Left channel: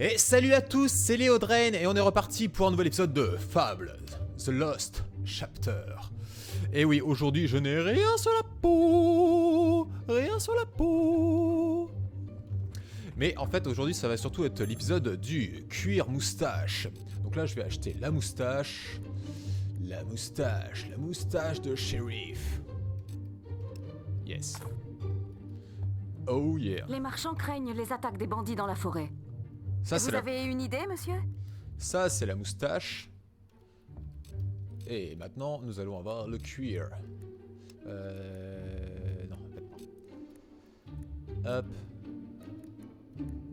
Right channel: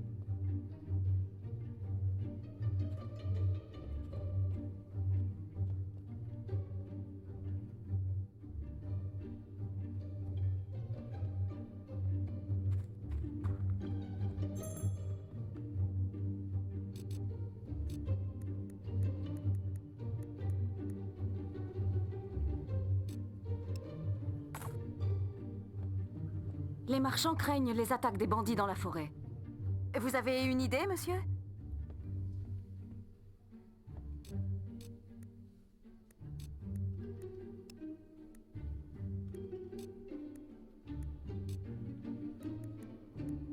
Et salut à tous, c'est Léodraine et on est reparti pour un nouvel épisode de Fables, The Lost Chapter. Et oui, aujourd'hui je n'ai rien sur la peau, rien sur la peau. Mais en fait aujourd'hui ça va surtout être l'épisode du cuir moustache. Donc là je vais acheter la moustache de shérif. Yes. Oh yeah. Les marchands craignent les attaques des bandits dans la forêt. Ça, Vous avez une idée, monsieur? Ça, c'est la moustache. Et maintenant, nous allons avoir le cuir. Non, hop.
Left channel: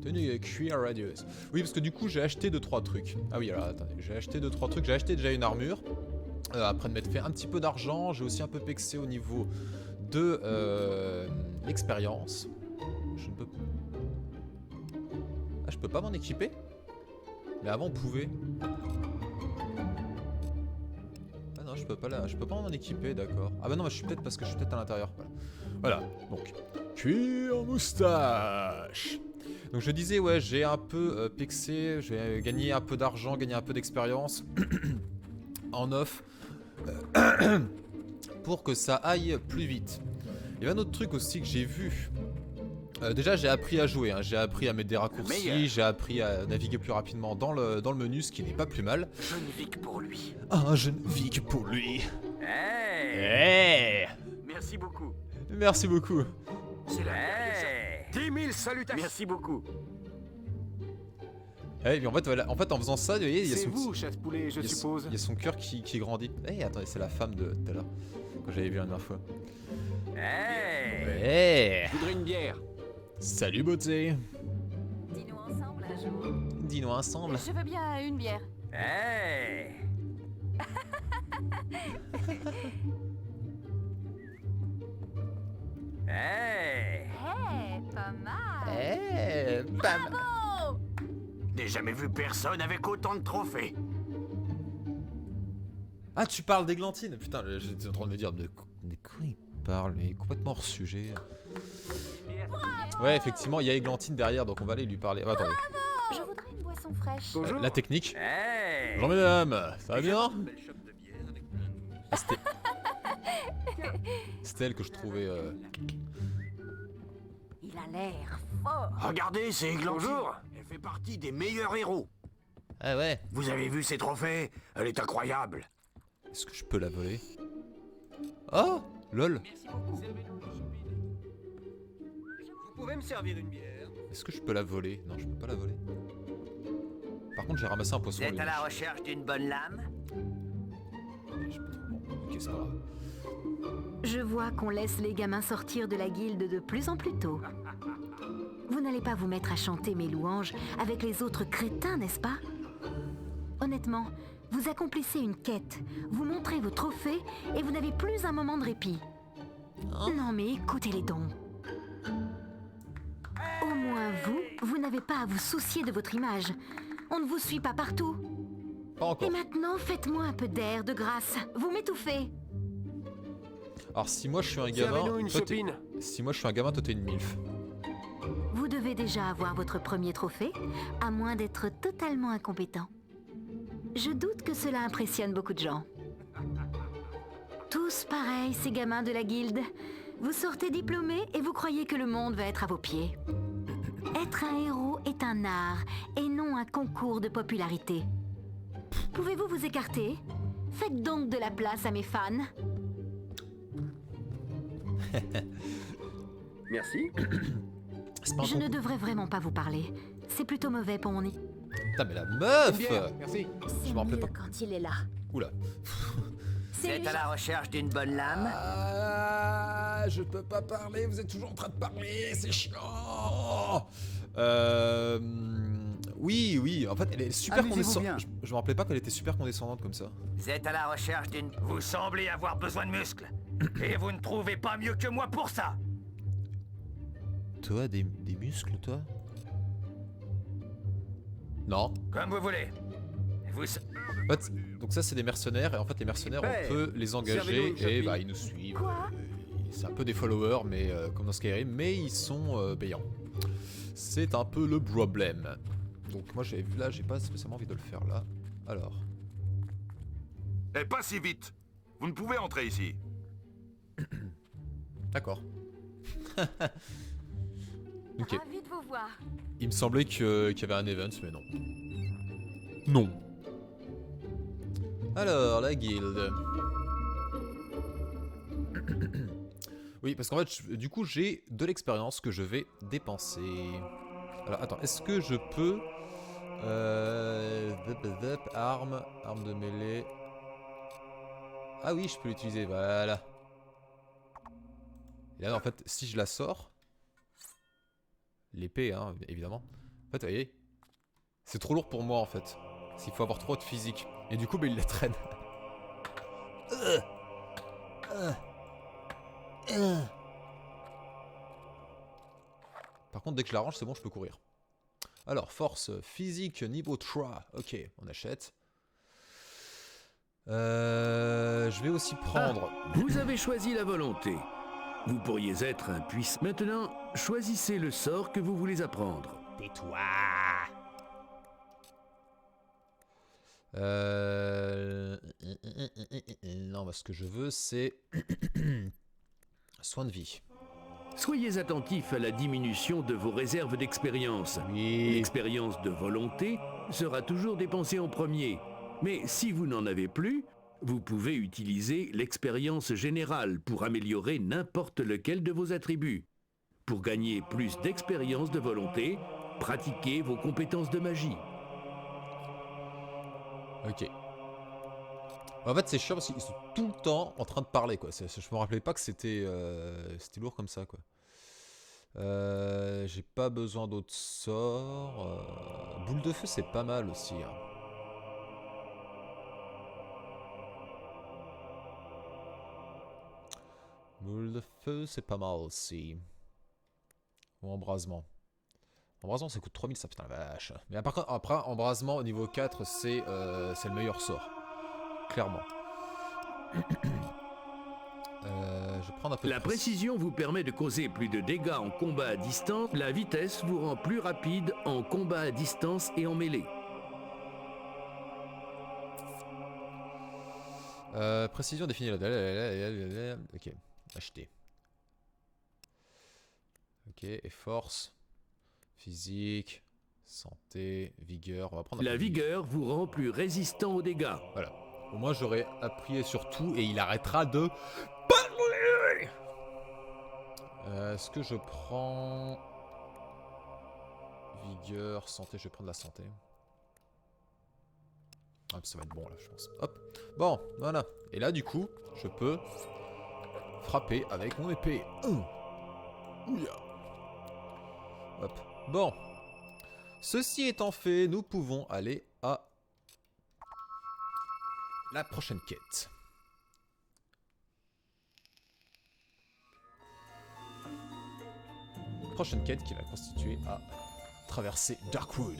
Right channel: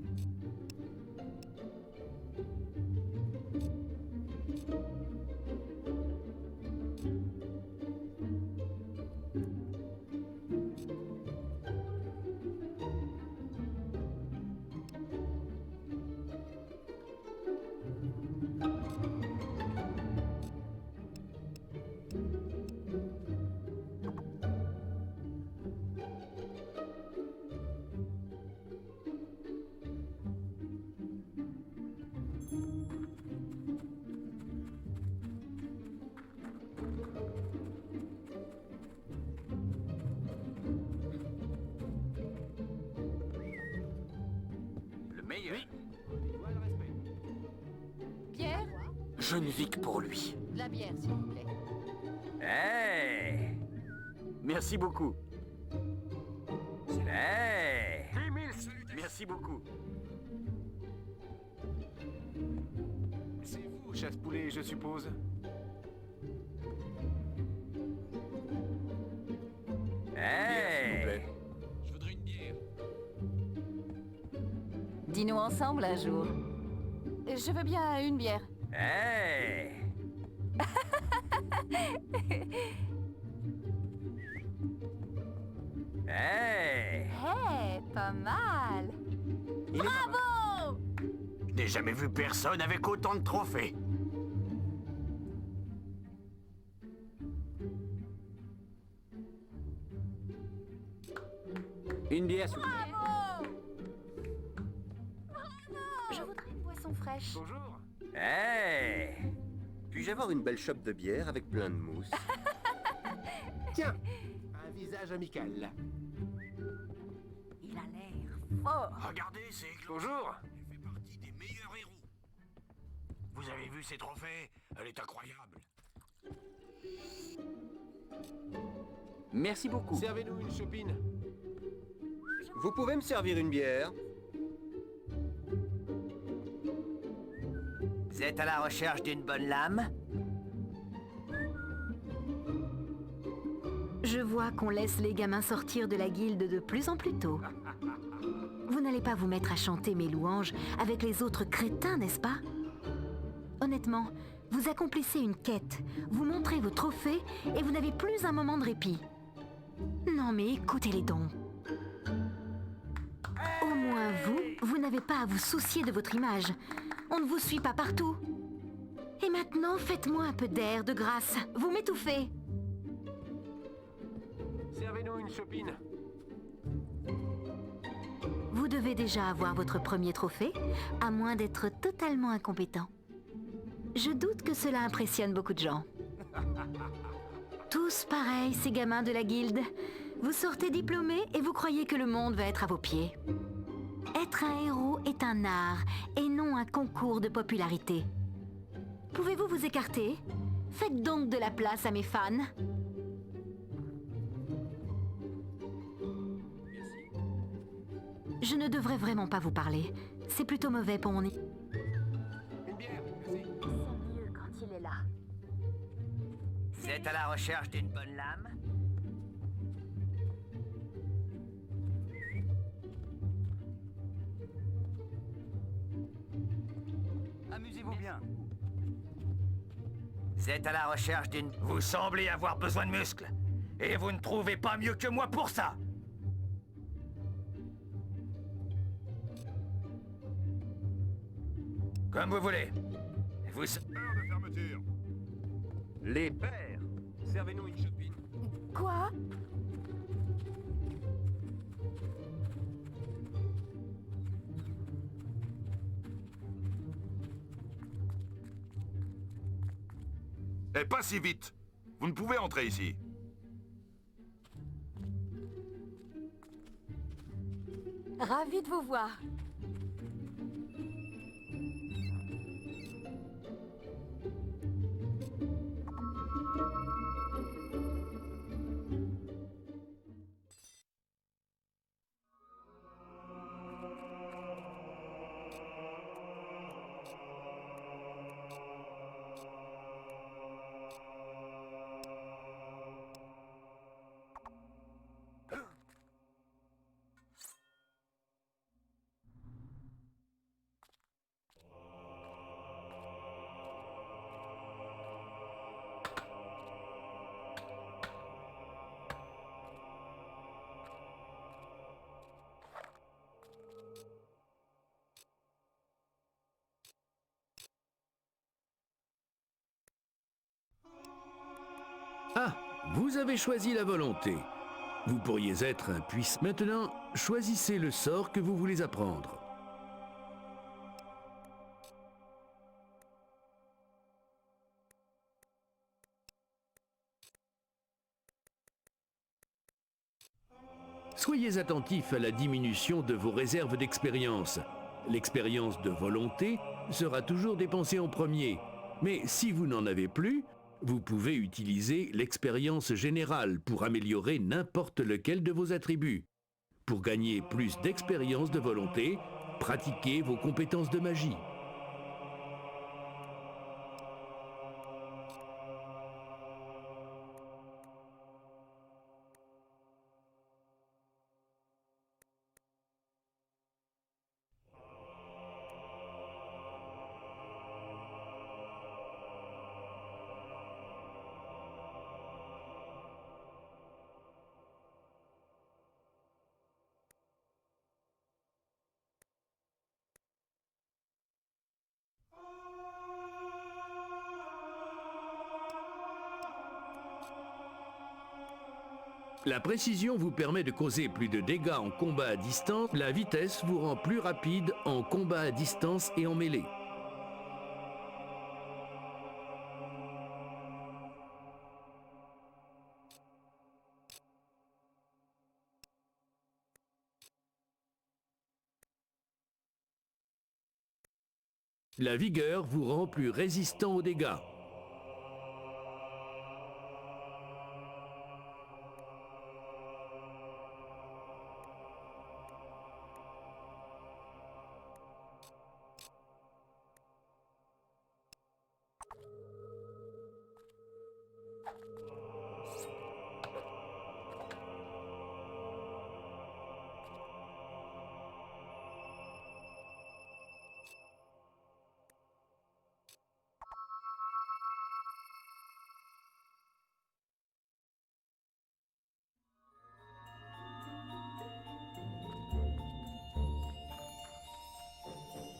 Tenue cuir radieuse. Oui, parce que du coup, j'ai acheté 2-3 trucs. Ah oui, alors attendez, j'ai acheté 2-3 trucs. J'ai acheté déjà une armure. Après de m'être fait un petit peu d'argent, j'ai aussi un peu pexé au niveau de l'expérience. Je ne peux pas. Ah, je peux pas m'en équiper? Mais avant on pouvait. Ah non, je peux pas m'en équiper, d'accord. Ah bah non, je suis peut-être parce que je suis peut-être à l'intérieur. Voilà, donc cuir moustache. Donc je disais, ouais, j'ai un peu pexé, j'ai gagné un peu d'argent, gagné un peu d'expérience en off pour que ça aille plus vite. Il y a un autre truc aussi que j'ai vu. Déjà j'ai appris à jouer, hein. J'ai appris à mettre des raccourcis, j'ai appris à naviguer plus rapidement dans le menu, ce qui n'est pas plus mal. Je ne vis que pour lui. Ah, je ne vis que pour lui. Hey, Merci beaucoup. C'est là. 10 000 salutations. Merci beaucoup. Eh, mais en fait, en faisant ça, vous voyez, il y a C'est son vous, chasse-poulet, je suppose. Il y a son cœur qui grandit. Eh, attendez, c'est la femme de tout à l'heure que j'avais vu la dernière fois. Hey, je voudrais une bière. Salut beauté. Dis-nous ensemble un jour. Dis-nous ensemble. Je veux bien une bière. Hey. Hey. Hey, pas mal. Eh, Bravo! N'ai jamais vu personne avec autant de trophées. Ah, tu parles d'Églantine. Putain, j'étais en train de me dire de quoi il parle, mais complètement hors sujet. Une bière, s'il vous plaît. Ouais, effectivement, il y a Églantine derrière, donc on va aller lui parler. Ah, attendez. Je voudrais une boisson fraîche. Bonjour. La technique. Hey. Bonjour mesdames, ça va Puis-je avoir bien? une belle chope de bière avec plein de mousse. C'était elle que je trouvais. Il a l'air fort. Regardez, c'est Églantine. Bonjour. Elle fait partie des meilleurs héros. Ah ouais. Vous avez vu ses trophées? Elle est incroyable. Est-ce que je peux la voler? Oh, lol. Merci beaucoup. Servez-nous une chopine. Vous pouvez me servir une bière? Est-ce que je peux la voler? Non, je peux pas la voler. Par contre, j'ai ramassé un poisson. Vous êtes à la recherche d'une bonne lame? Ok, ça va. Je vois qu'on laisse les gamins sortir de la guilde de plus en plus tôt. Vous n'allez pas vous mettre à chanter mes louanges avec les autres crétins, n'est-ce pas? Honnêtement, vous accomplissez une quête, vous montrez vos trophées et vous n'avez plus un moment de répit. Non mais écoutez-les donc. Au moins vous n'avez pas à vous soucier de votre image. On ne vous suit pas partout. Pas encore. Et maintenant, faites-moi un peu d'air, de grâce. Vous m'étouffez. Alors, si moi je suis un gamin. Servez-nous une Toi, t'es- chopine. Si moi je suis un gamin, toi t'es une MILF. Vous devez déjà avoir votre premier trophée, à moins d'être totalement incompétent. Je doute que cela impressionne beaucoup de gens. Tous pareils, ces gamins de la guilde. Vous sortez diplômés et vous croyez que le monde va être à vos pieds. Être un héros est un art et non un concours de popularité. Pouvez-vous vous écarter? Faites donc de la place à mes fans. Merci. C'est pas un Je ne concours. devrais vraiment pas vous parler. C'est plutôt mauvais pour mon nez. Putain, mais la meuf! Bière, merci. Je me rappelais pas. Quand il est là. Oula. Vous êtes à la recherche d'une bonne lame? Ah, je peux pas parler, vous êtes toujours en train de parler, c'est chiant. Oui, en fait, elle est super Amusez-vous bien. condescendante. Je me rappelais pas qu'elle était super condescendante comme ça. Vous êtes à la recherche d'une... Vous semblez avoir besoin de muscles. Et vous ne trouvez pas mieux que moi pour ça. Toi, des muscles, toi? Non. Comme vous voulez. Vous... En fait, donc ça, c'est des mercenaires, et en fait, les mercenaires, pères. on peut les engager, Servez-nous une et chopine. bah, ils nous suivent. Quoi? C'est un peu des followers, mais comme dans Skyrim, mais ils sont payants. C'est un peu le problème. Donc moi j'ai là, j'ai pas spécialement envie de le faire là. Alors. Eh, pas si vite. Vous ne pouvez entrer ici. D'accord. Ok. Ravi de vous voir. Il me semblait qu'il y avait un event, mais non. Non. Alors, la guilde. Oui, parce qu'en fait, du coup, j'ai de l'expérience que je vais dépenser. Alors, attends, est-ce que je peux... arme de mêlée... Ah oui, je peux l'utiliser, voilà. Et là, en fait, si je la sors... L'épée, hein, évidemment. En fait, vous voyez, c'est trop lourd pour moi, en fait. Il faut avoir trop de physique. Et du coup, bah, il la traîne. Par contre, dès que je l'arrange, c'est bon, je peux courir. Alors, force physique niveau 3. Ok, on achète. Je vais aussi prendre... Ah, vous avez choisi la volonté. Vous pourriez être un puissant. Maintenant, choisissez le sort que vous voulez apprendre. Tais-toi. Non, ce que je veux, c'est... soin de vie. Soyez attentif à la diminution de vos réserves d'expérience. Oui. L'expérience de volonté sera toujours dépensée en premier. Mais si vous n'en avez plus, vous pouvez utiliser l'expérience générale pour améliorer n'importe lequel de vos attributs. Pour gagner plus d'expérience de volonté, pratiquez vos compétences de magie. Ok. En fait, c'est chiant parce qu'ils sont tout le temps en train de parler, quoi. Je me rappelais pas que c'était lourd comme ça, quoi. J'ai pas besoin d'autres sorts. Boule de feu, c'est pas mal aussi. Hein. Boule de feu, c'est pas mal aussi. Ou embrasement. Embrasement, ça coûte 3000, ça, putain la vache. Mais par contre, après, embrasement au niveau 4, c'est le meilleur sort. Clairement. Je vais prendre un peu La précision vous permet de causer plus de dégâts en combat à distance. La vitesse vous rend plus rapide en combat à distance et en mêlée. Précision définie la... Ok, acheter. Ok, et force, physique, santé, vigueur. On va prendre La vigueur vous rend plus résistant aux dégâts. Voilà. Au moins j'aurai appuyé sur tout et il arrêtera de parler. Est-ce que je prends vigueur, santé? Je vais prendre la santé. Ah, ça va être bon là, je pense. Hop. Bon, voilà. Et là, du coup, je peux frapper avec mon épée. Hop. Bon. Ceci étant fait, nous pouvons aller à la prochaine quête. Prochaine quête qui va constituer à traverser Darkwood.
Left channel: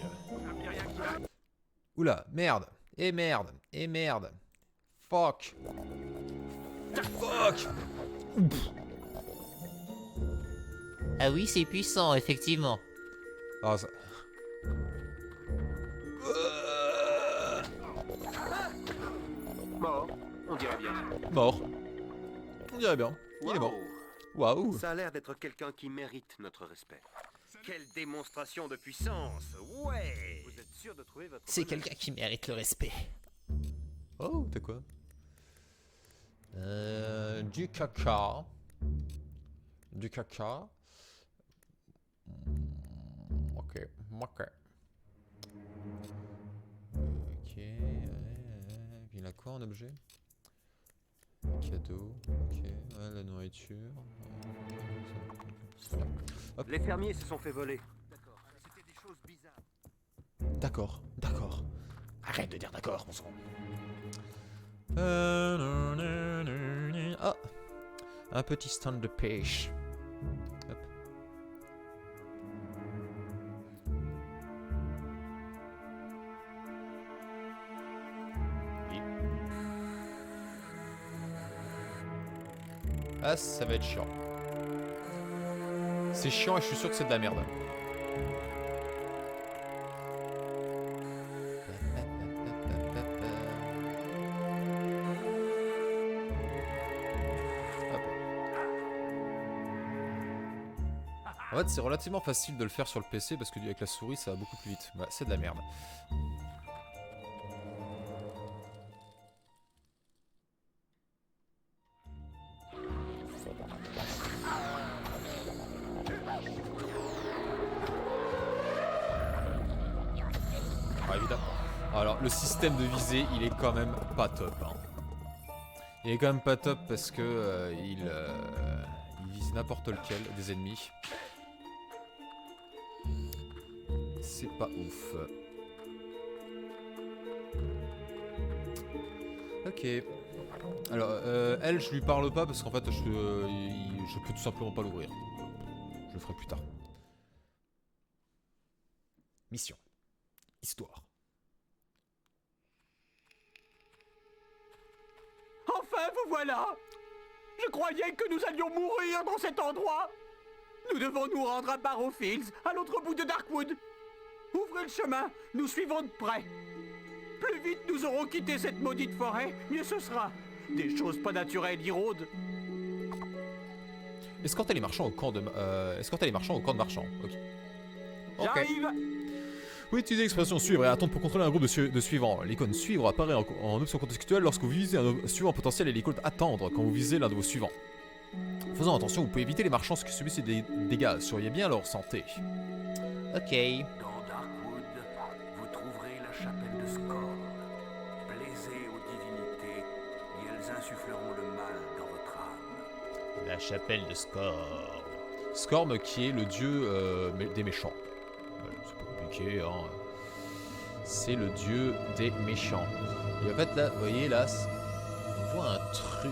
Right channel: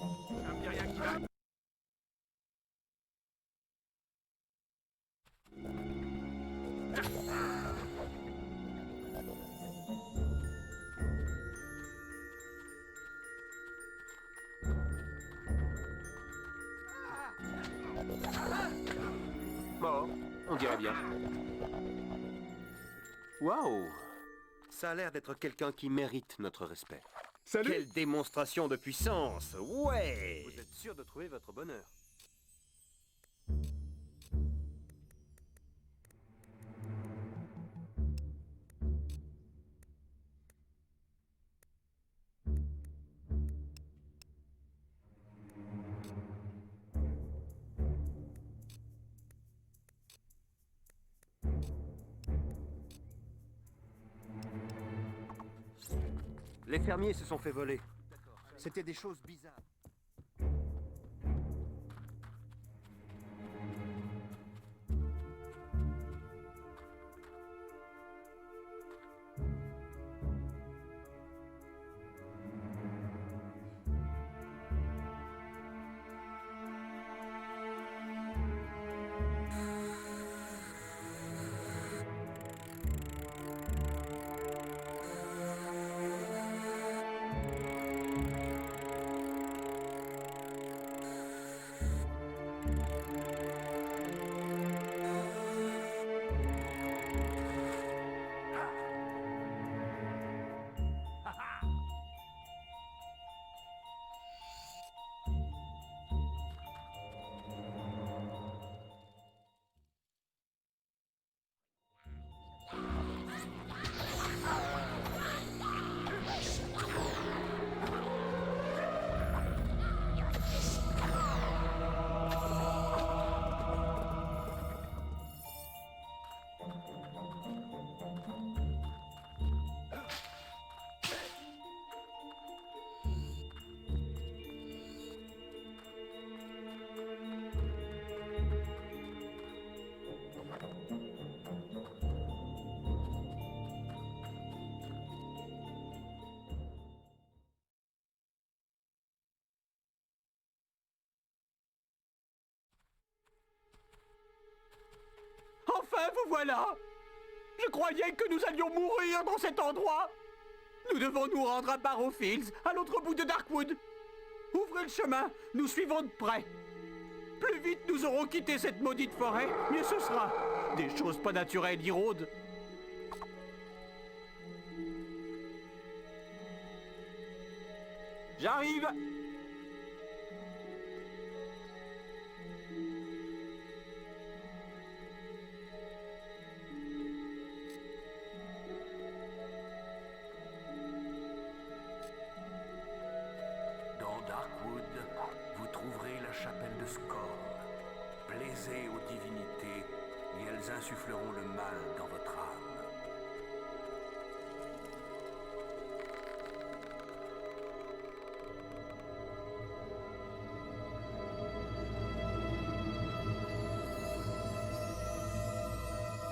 Oula, merde. Et merde. Et merde. Fuck. Fuck. Ah oui, c'est puissant, effectivement. Ah, ça... Mort, on dirait bien. Mort. On dirait bien. Il est mort. Waouh! Waouh. Ça a l'air d'être quelqu'un qui mérite notre respect. Salut. Quelle démonstration de puissance! Ouais! Vous êtes sûr de trouver votre C'est bonheur? quelqu'un qui mérite le respect. Oh, t'as quoi? Du caca. Du caca. Ok. Ok. Ok. Il a quoi en objet? Cadeau. Ok. Ouais, la nourriture. Hop. Les fermiers se sont fait voler. C'était des choses bizarres. D'accord. D'accord. Arrête de dire d'accord, mon son. Ah, un petit stand de pêche. Hop. Ah, ça va être chiant. C'est chiant et je suis sûr que c'est de la merde. En fait, c'est relativement facile de le faire sur le PC parce que avec la souris, ça va beaucoup plus vite. Ouais, c'est de la merde. Ouais, évidemment. Alors, le système de visée, il est quand même pas top. Hein. Il est quand même pas top parce que il vise n'importe lequel des ennemis. C'est pas ouf. Ok. Alors, elle, je lui parle pas parce qu'en fait, je peux tout simplement pas l'ouvrir. Je le ferai plus tard. Mission. Histoire. Enfin, vous voilà! Je croyais que nous allions mourir dans cet endroit! Nous devons nous rendre à Barrowfields, à l'autre bout de Darkwood. Ouvrez le chemin, nous suivons de près. Plus vite nous aurons quitté cette maudite forêt, mieux ce sera. Des choses pas naturelles y rôdent. Escortez les marchands au camp de... escortez les marchands au camp de marchands. Ok. J'arrive! Vous utilisez l'expression suivre et attendre pour contrôler un groupe de suivants. L'icône suivre apparaît en option contextuelle lorsque vous visez un suivant potentiel et l'icône attendre quand vous visez l'un de vos suivants. Faisant attention, vous pouvez éviter les marchands qui subissent des dégâts. Surveillez bien leur santé. Ok. Dans Darkwood, vous trouverez la chapelle de Scorn. Plaisez aux divinités et elles insuffleront le mal dans votre âme. La chapelle de Scorn. Scorn qui est le dieu des méchants. C'est pas compliqué, hein. C'est le dieu des méchants. Et en fait là, vous voyez là, on voit un truc.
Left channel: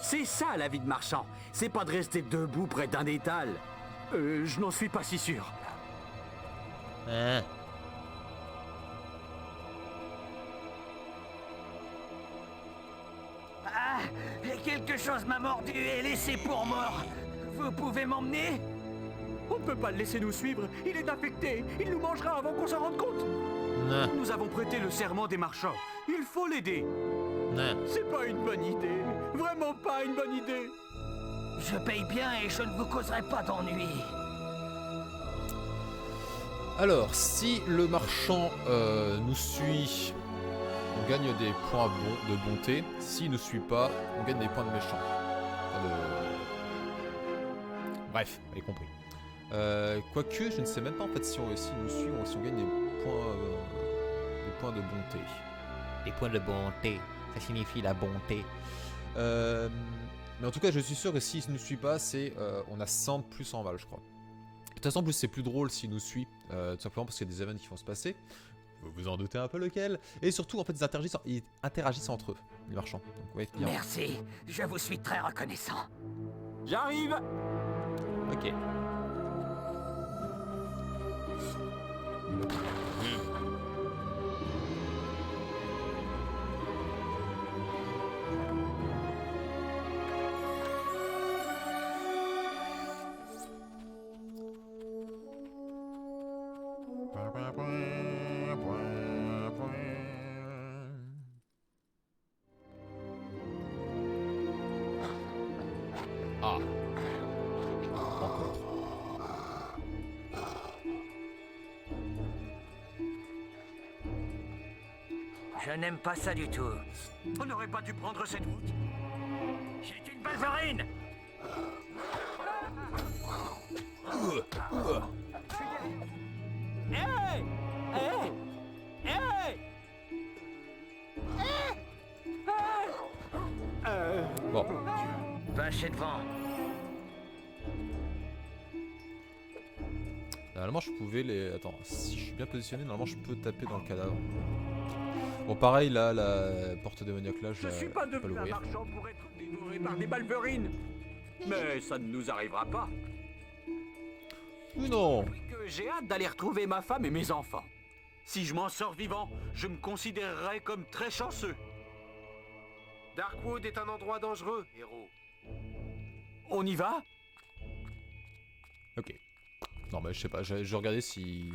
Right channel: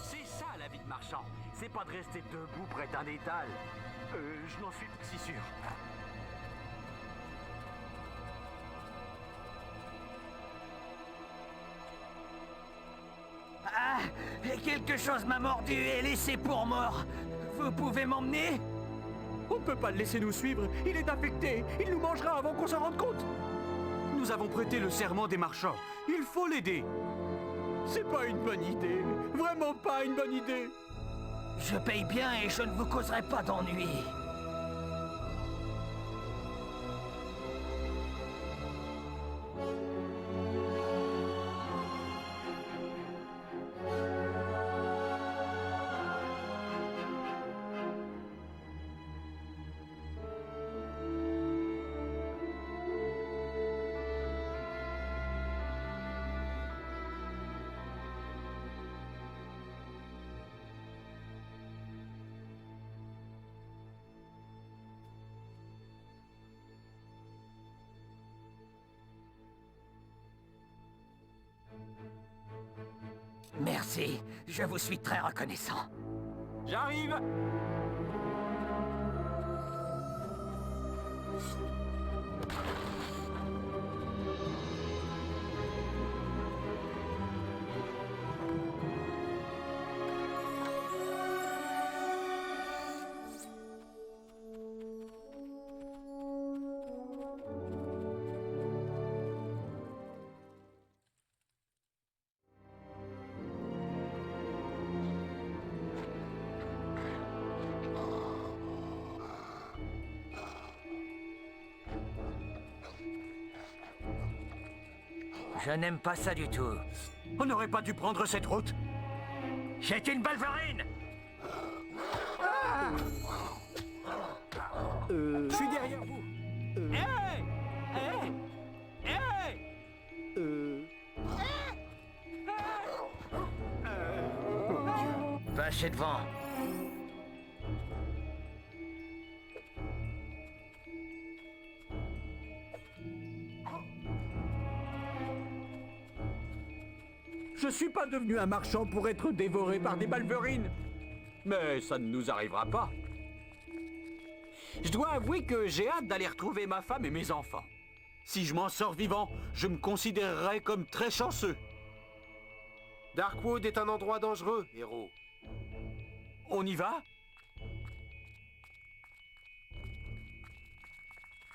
C'est ça la vie de marchand. C'est pas de rester debout près d'un étal. Je n'en suis pas si sûr. Hein? Ah, et quelque chose m'a mordu et laissé pour mort. Vous pouvez m'emmener? On ne peut pas le laisser nous suivre, il est infecté, il nous mangera avant qu'on s'en rende compte. Non. Nous avons prêté le serment des marchands, il faut l'aider. Non. C'est pas une bonne idée, vraiment pas une bonne idée. Je paye bien et je ne vous causerai pas d'ennui. Alors, si le marchand nous suit, on gagne des points de bonté. S'il ne suit pas, on gagne des points de méchant. Bref, vous avez compris. Quoique, je ne sais même pas en fait si on nous suit ou si on gagne des points de bonté. Les points de bonté, ça signifie la bonté. Mais en tout cas, je suis sûr que s'il ne nous suit pas, c'est on a 100 plus en val, je crois. De toute façon, en plus, c'est plus drôle s'il nous suit, tout simplement parce qu'il y a des événements qui vont se passer. Vous vous en doutez un peu lequel. Et surtout, en fait, ils interagissent entre eux, les marchands. Donc, ouais. Merci, je vous suis très reconnaissant. J'arrive. Ok. Ah. Je n'aime pas ça du tout. On n'aurait pas dû prendre cette route. C'est une balverine! Je suis derrière vous. Hey! Hey! Hey! Bon. Passez devant. Normalement, je pouvais les... Attends, si je suis bien positionné, normalement, je peux taper dans le cadavre. Bon, pareil, là, la porte démoniaque, là... Je suis pas devenu un marchand pour être dévoré par des balverines. Mais ça ne nous arrivera pas. Je dois Non. avouer que j'ai hâte d'aller retrouver ma femme et mes enfants. Si je m'en sors vivant, je me considérerais comme très chanceux. Darkwood est un endroit dangereux, héros. On y va? Ok. Non, mais je sais pas, je regardais si...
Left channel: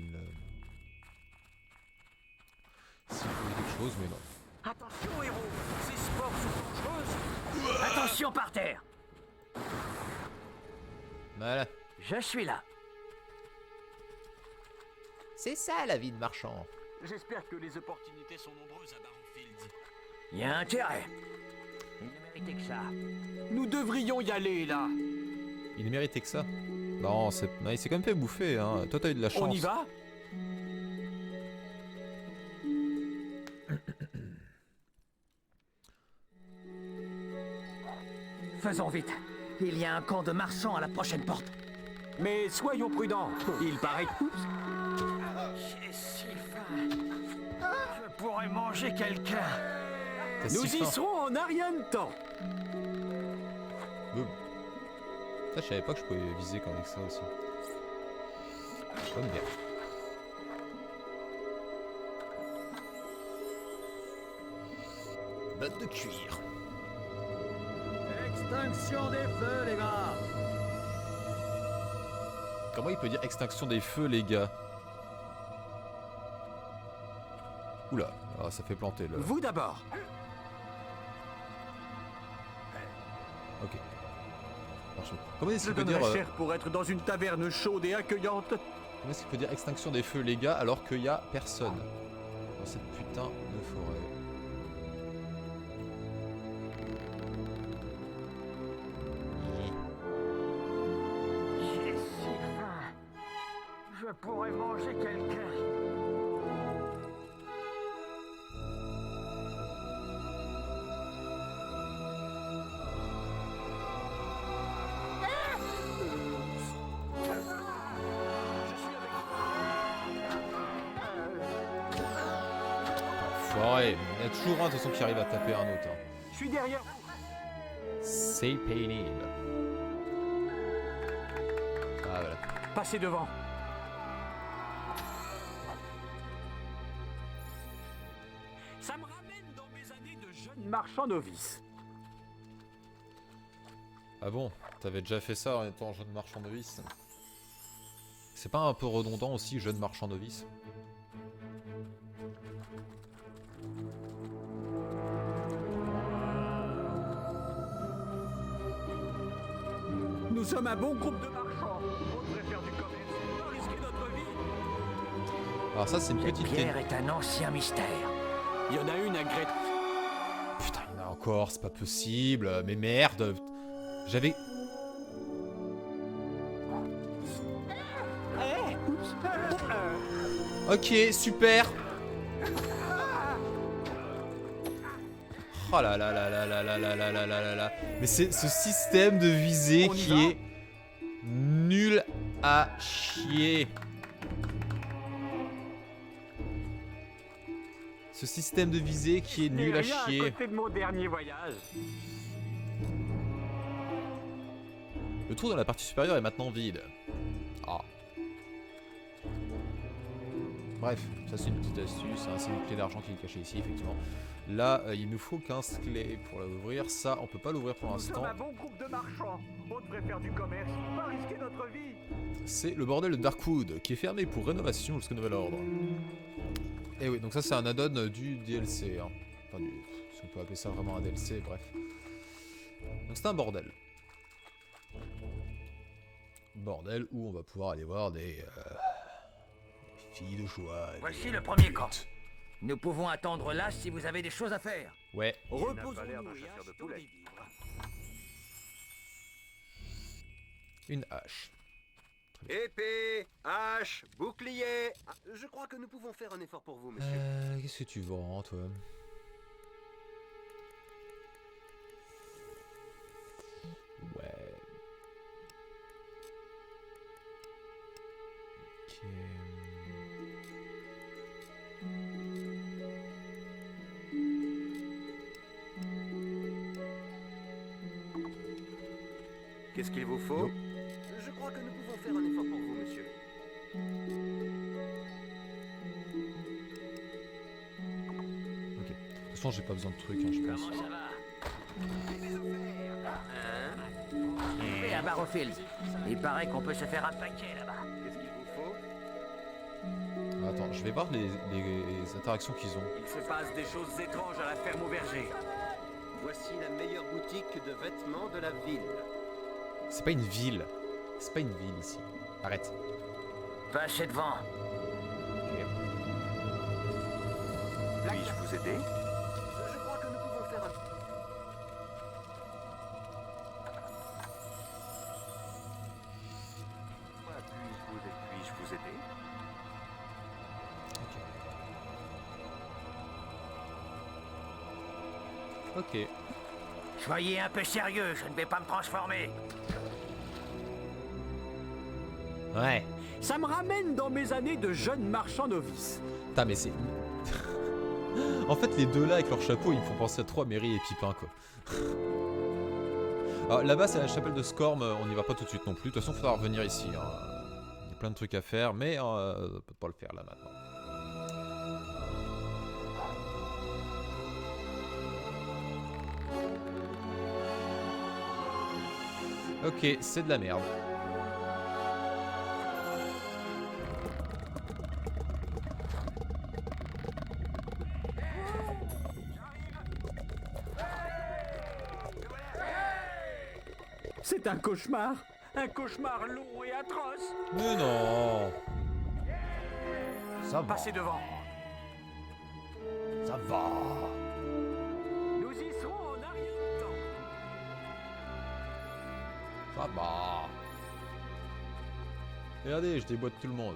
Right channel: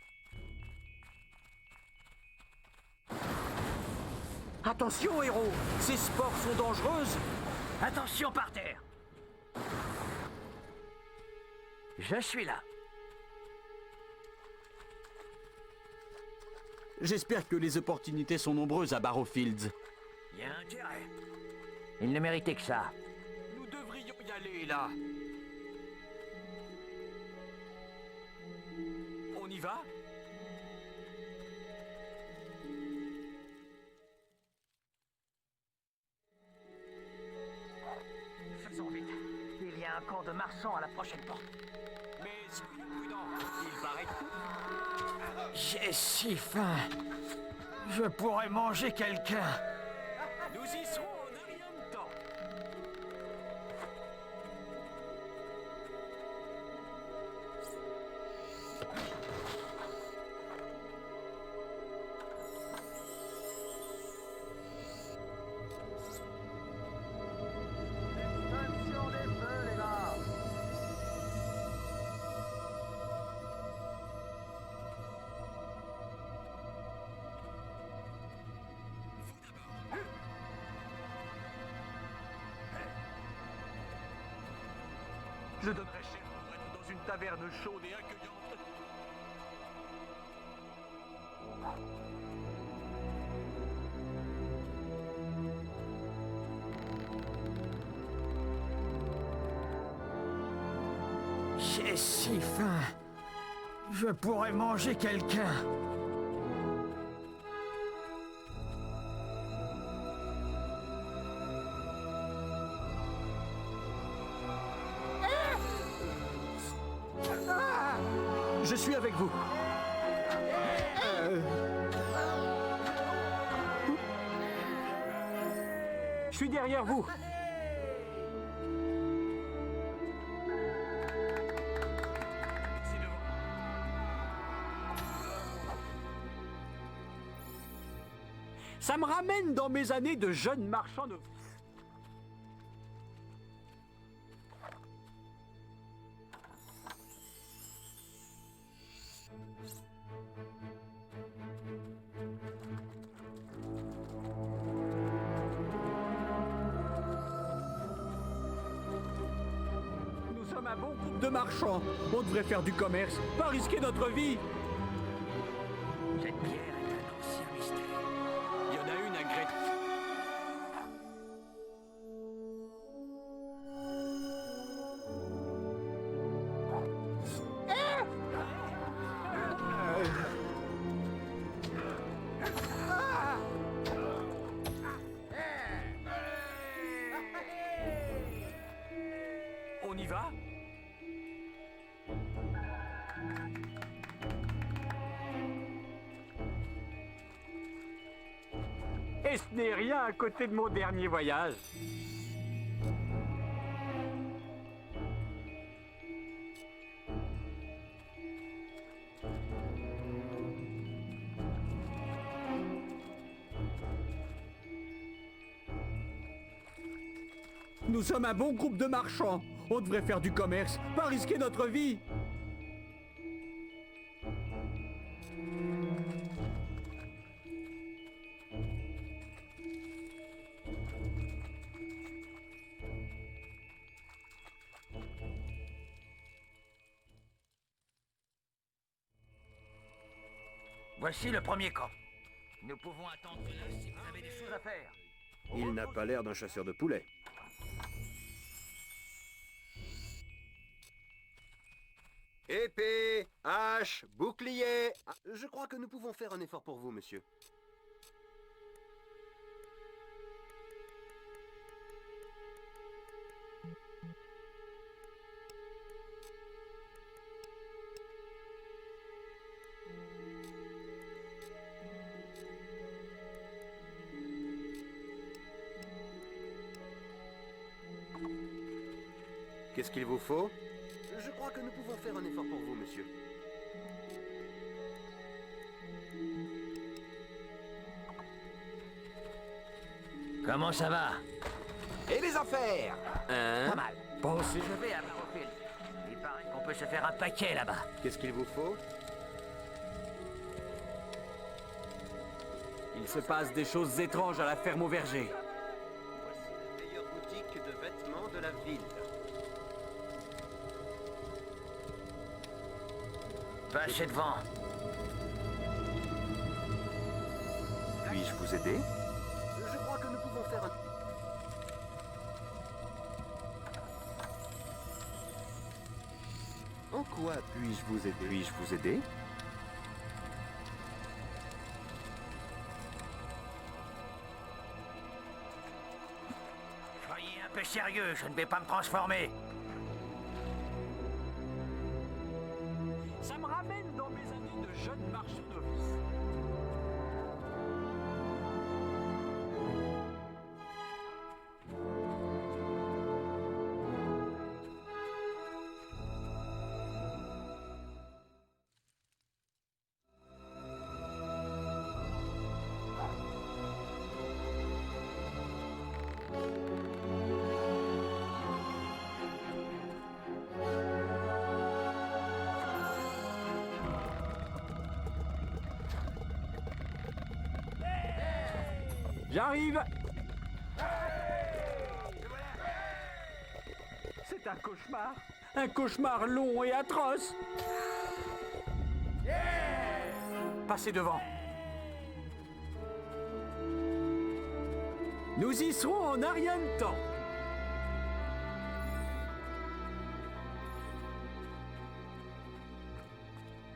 Attention, héros. Ces sports sont dangereuses. Attention par terre. Voilà. Je suis là. C'est ça la vie de marchand. J'espère que les opportunités sont nombreuses à Barrowfields. Il y a intérêt. Il ne méritait que ça. Nous devrions y aller, là. Il méritait que ça. Non, il s'est quand même fait bouffer, hein. Toi, t'as eu de la chance. On y va? Faisons vite. Il y a un camp de marchands à la prochaine porte. Mais soyons prudents. Il paraît que... J'ai si faim. Je pourrais manger quelqu'un. T'as Nous si y faim. serons en un rien de temps. Boum. Ça, je savais pas que je pouvais viser comme avec ça aussi. Oh, merde. Botte de cuir. Extinction des feux, les gars. Comment il peut dire extinction des feux, les gars? Oula, ah, ça fait planter le... Vous d'abord. Ok. Comment est-ce Je qu'il peut dire... donnerais cher pour être dans une taverne chaude et accueillante. Comment est-ce qu'il peut dire extinction des feux, les gars, alors qu'il y a personne dans cette putain de forêt? J'ai si faim. Je pourrais manger quelqu'un. Je suis avec vous. Ouais, il y a toujours un de ceux qui arrive à taper un autre. Hein. Je suis derrière vous. C'est Payne. Ah, voilà. Passez devant. Ça me ramène dans mes années de jeune marchand novice. Ah bon, t'avais déjà fait ça en étant jeune marchand novice? C'est pas un peu redondant aussi, jeune marchand novice? Nous sommes un bon groupe de marchands. On devrait faire du commerce, pas risquer notre vie. Alors ça c'est une Cette petite... pierre est un ancien mystère. Il y en a une à Gret. Putain, il y en a encore, c'est pas possible, mais merde. J'avais... Ok, super. Oh là là là là là là là là là là là. Mais c'est ce système de visée On y qui va est nul à chier. Ce système de visée qui est Ce n'est nul à rien à chier. côté de mon dernier voyage. Le trou dans la partie supérieure est maintenant vide. Ah. Bref, ça c'est une petite astuce, hein, c'est une clé d'argent qui est cachée ici, effectivement. Là, il nous faut 15 clés pour l'ouvrir. Ça, on peut pas l'ouvrir pour Nous l'instant. sommes un bon groupe de marchands. On devrait faire du commerce, pas risquer notre vie. C'est le bordel de Darkwood, qui est fermé pour rénovation jusqu'au nouvel ordre. Et oui, donc ça c'est un add-on du DLC. Hein. Enfin, si on peut appeler ça vraiment un DLC, bref. Donc c'est un bordel. Bordel où on va pouvoir aller voir des filles de joie. Voici le premier camp. Nous pouvons attendre là si vous avez des choses à faire. Ouais. Il n'a pas l'air d'un chasseur de poulets. Une hache. Épée, hache, bouclier. Ah, je crois que nous pouvons faire un effort pour vous, monsieur. Qu'est-ce que tu vends, toi? Ouais. Qu'est-ce qu'il vous faut? Je crois que nous pouvons faire un effort pour vous, monsieur. Ok. De toute façon, j'ai pas besoin de trucs. Hein, je pense. Comment ça va? Et les affaires? Pas mal. Bon, je vais à Barrowfields. Il paraît qu'on peut se faire un paquet là-bas. Qu'est-ce qu'il vous faut? Attends, je vais voir les interactions qu'ils ont. Il se passe des choses étranges à la ferme au verger. Voici la meilleure boutique de vêtements de la ville. C'est pas une ville. C'est pas une ville ici. Arrête. Passez devant. Puis-je vous aider? Je crois que nous pouvons faire un... En quoi puis-je vous aider? Puis-je vous aider? Ok. Soyez un peu sérieux, je ne vais pas me transformer. Ouais. Ça me ramène dans mes années de jeune marchand novice. Putain, mais c'est... En fait, les deux là avec leur chapeau, ils me font penser à toi, Mary et Pipin, quoi. Alors, là-bas, c'est la chapelle de Scorm, on n'y va pas tout de suite non plus. De toute façon, il faudra revenir ici. Hein. Il y a plein de trucs à faire, mais on peut pas le faire là maintenant. Ok, c'est de la merde. J'arrive. C'est un cauchemar. Un cauchemar long et atroce. Mais non. Ça va. Passez devant. Ça va. Nous y serons en un rien de temps. Ça va. Regardez, je déboîte tout le monde.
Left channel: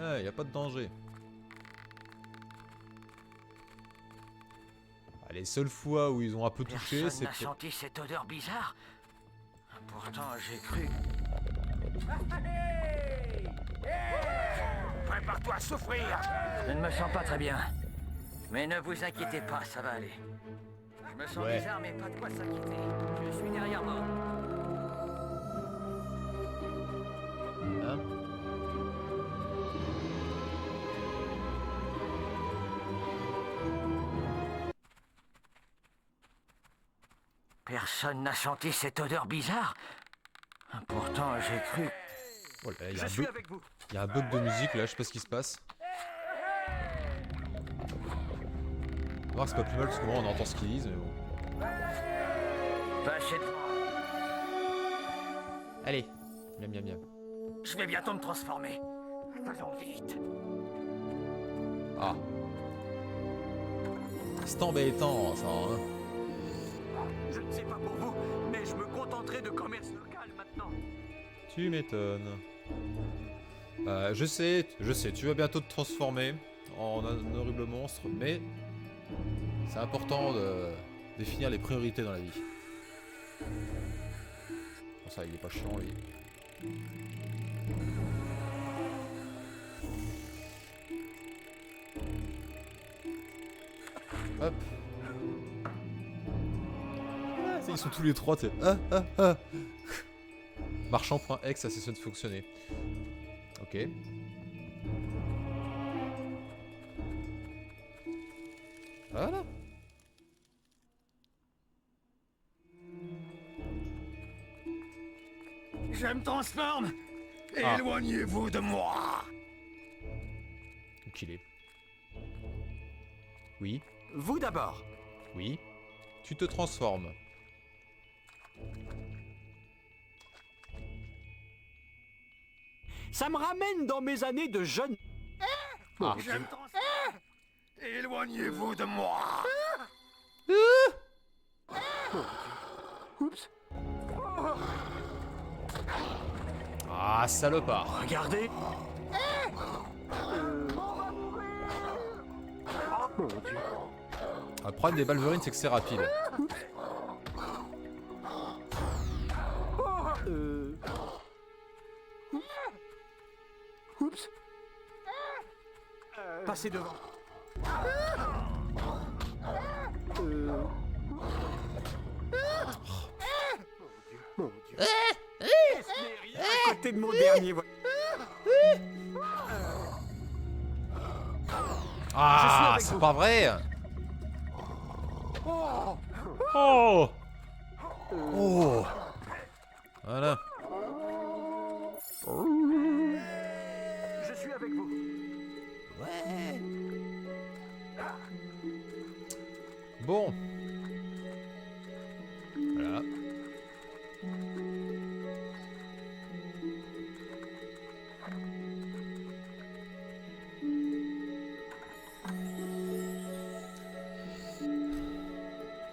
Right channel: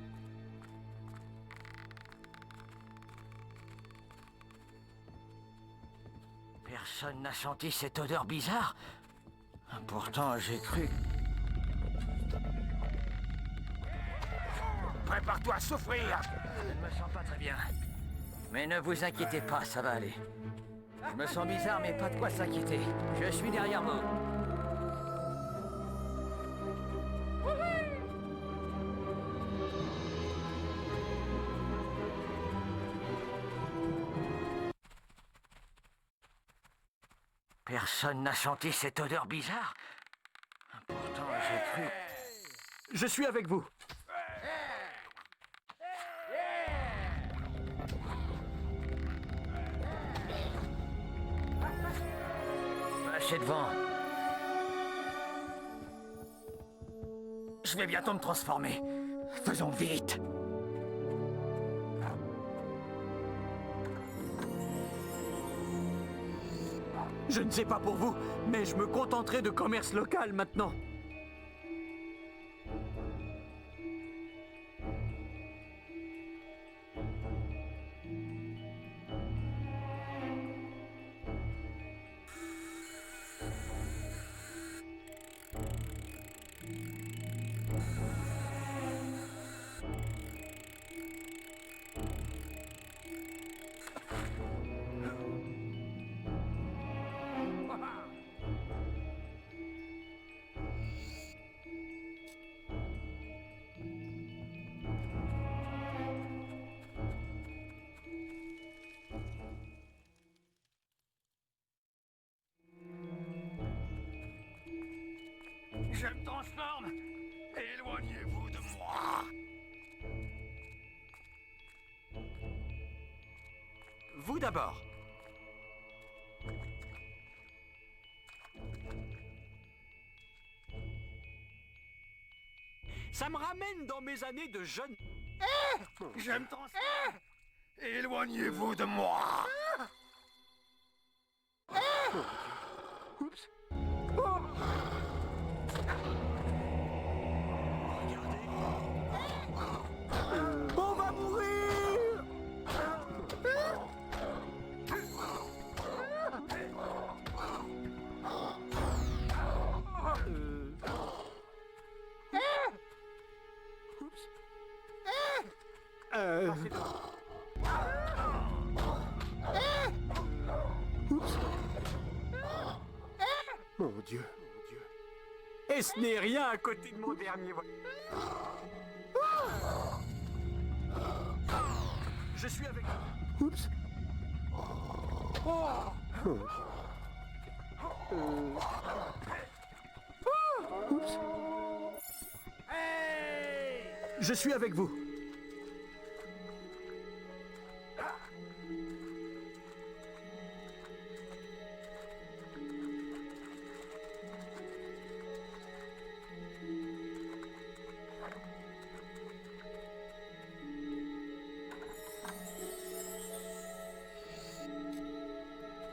Ouais, y a pas de danger. Les seules fois où ils ont un peu touché, Personne c'est... n'a senti cette odeur bizarre. Pourtant, j'ai cru. Prépare-toi à souffrir. Je ne me sens pas très bien. Mais ne vous inquiétez pas, ça va aller. Je me sens bizarre, mais pas de quoi s'inquiéter. Je suis derrière moi. Personne n'a senti cette odeur bizarre. Pourtant, j'ai cru. Oh là, Je suis avec vous. Il y a un bug de musique là, je sais pas ce qui se passe. On va voir, c'est pas plus mal parce que moi on entend ce qu'ils disent. Mais bon. Passez devant. Allez, miam miam miam. Je vais bientôt me transformer. Faisons vite. Ah. C'est embêtant ça. Hein. Je ne sais pas pour vous, mais je me contenterai de commerce local maintenant. Tu m'étonnes. Je sais, tu vas bientôt te transformer en un horrible monstre, mais c'est important de définir les priorités dans la vie. Bon, ça, il est pas chiant, lui. Hop. Ils sont tous les trois, tu sais. Marchand.exe, ça cesse de fonctionner. Ok. Voilà. Je me transforme. Ah. Éloignez-vous de moi. Enculé. Oui, Vous d'abord. oui. Tu te transformes. Ça me ramène dans mes années de jeune... Ah. Je me transforme. Éloignez-vous de moi. Oups. Ah, salopard. Regardez. Le problème des Balverines, c'est que c'est rapide. Oups. Passez devant. Mon Dieu, mon Dieu. Et ce n'est rien à côté de mon dernier voyage. Ah, c'est pas vrai. Oh. Oh. Voilà. Je suis avec vous. Bon. Voilà.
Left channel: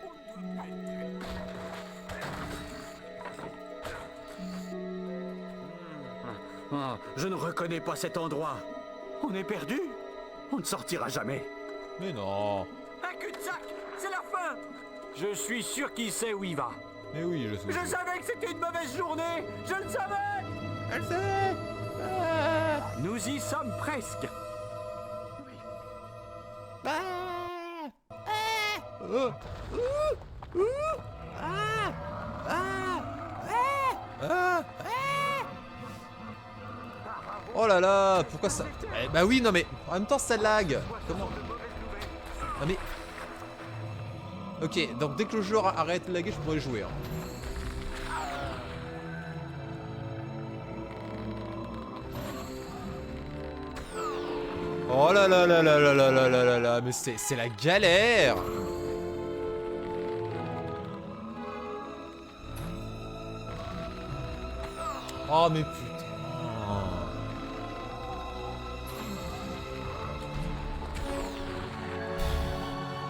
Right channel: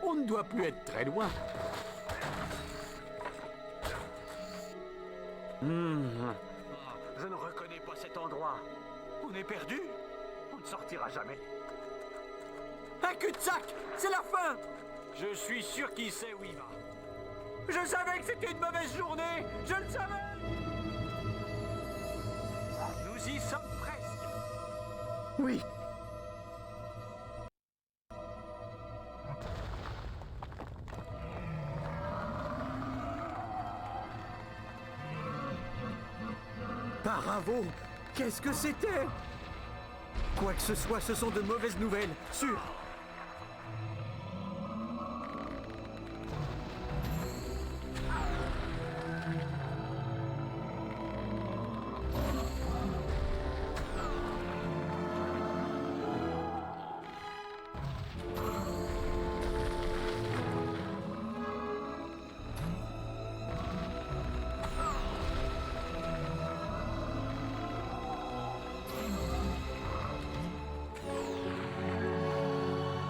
On ne doit plus être très loin. Je ne reconnais pas cet endroit. On est perdu. On ne sortira jamais. Mais non. Un cul-de-sac. C'est la fin. Je suis sûr qu'il sait où il va. Mais oui, je sais. Je savais que c'était une mauvaise journée. Je le savais. Je le savais. Nous y sommes presque. Oui. Oh. Bravo. Oh là là, Qu'est-ce pourquoi que ça... c'était? Eh bah oui, non mais en même temps ça lag. Ce sont de mauvaises nouvelles. Sûr. Non mais... Ok, donc dès que le jeu arrête de laguer, je pourrais jouer. Oh là là là là là là là là là là, mais c'est la galère. Oh mais putain.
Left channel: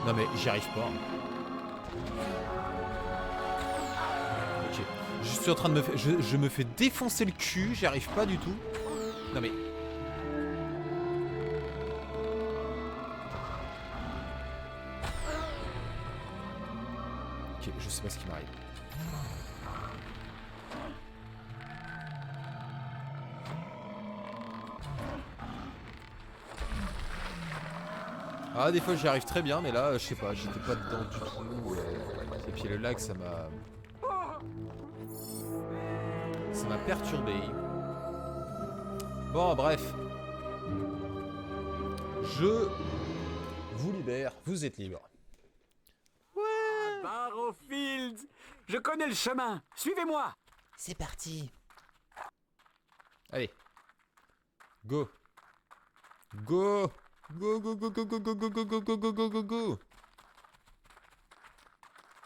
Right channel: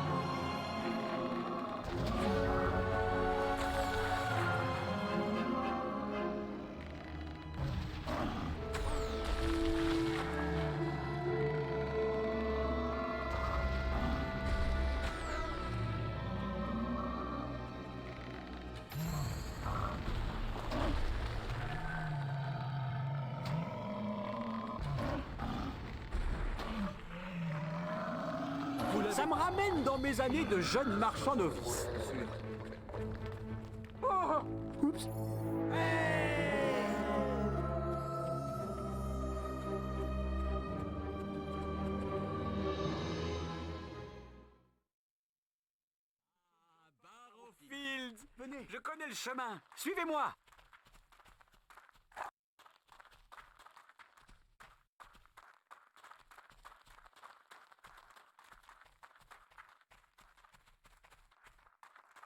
Non mais j'y arrive pas. Ok. Je suis en train de me faire... Je me fais défoncer le cul, j'y arrive pas du tout. Non mais... Ok, je sais pas ce qui m'arrive. Ah, des fois j'y arrive très bien, mais là, je sais pas. Mes amis de jeunes marchands de fous. Et puis le lag, ça m'a... Ça m'a perturbé. Bon, bref. Je vous libère, vous êtes libre. Barrowfield. Je connais le chemin. Suivez-moi. C'est parti. Allez. Go. Go. Go, go, go, go, go, go, go, go, go, go, go, go, go, go.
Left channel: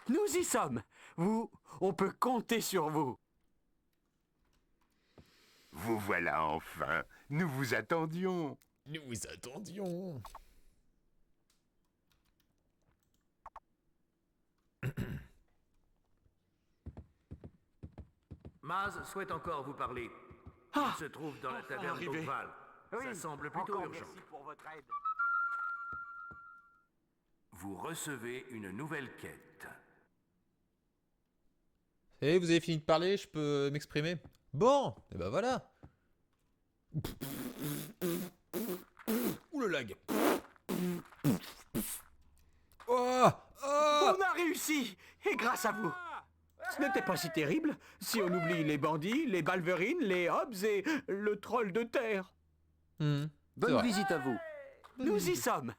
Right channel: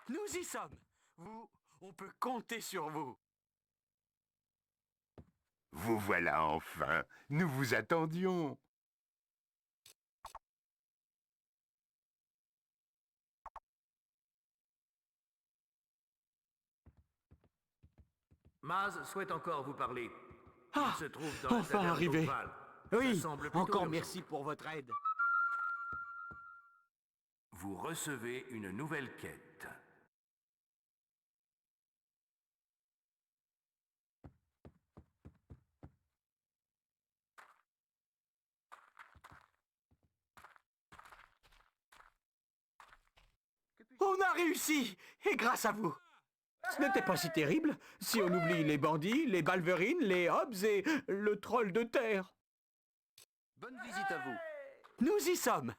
Nous y sommes. On peut compter sur vous. Vous voilà enfin. Nous vous attendions. Nous vous attendions. Maz souhaite encore vous parler. Ah, Il se trouve dans la enfin taverne arrivé. d'Oakval. Oui, Ça semble plutôt encore urgent. merci pour votre aide. Vous recevez une nouvelle quête. Et vous avez fini de parler, je peux m'exprimer? Bon, et ben voilà. Ouh le lag. Oh, oh. On a réussi. Et grâce à vous. Ce n'était pas si terrible si on oublie les bandits, les balverines, les hobs et le troll de terre. C'est Bonne vrai. visite à vous. Nous y sommes.